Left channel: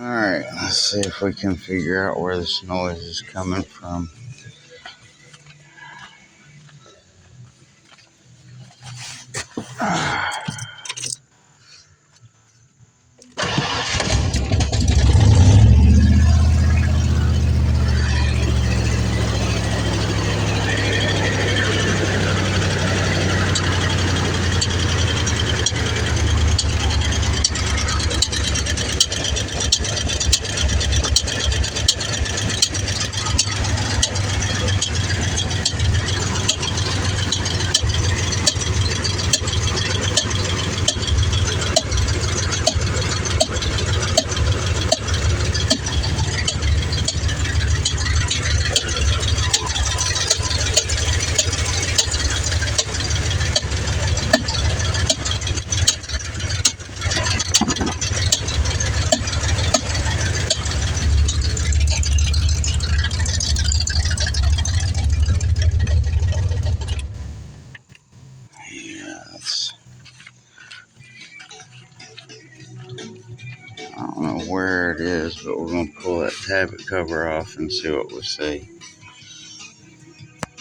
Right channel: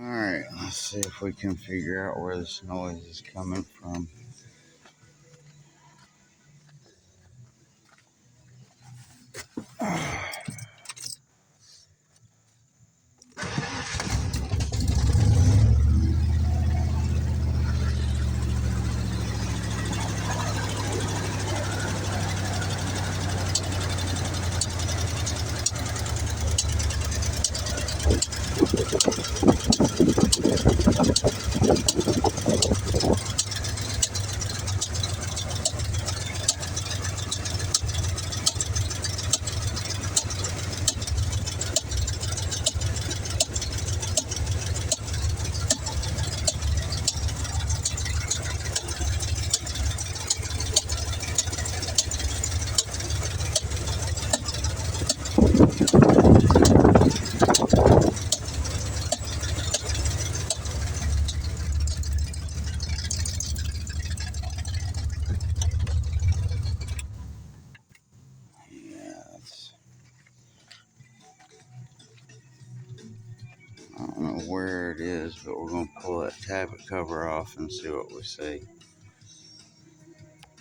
Alright, let's see if we can figure out where this noise is coming from. I don't know where it is, but we're going to pull that tablet cover off and see what we see.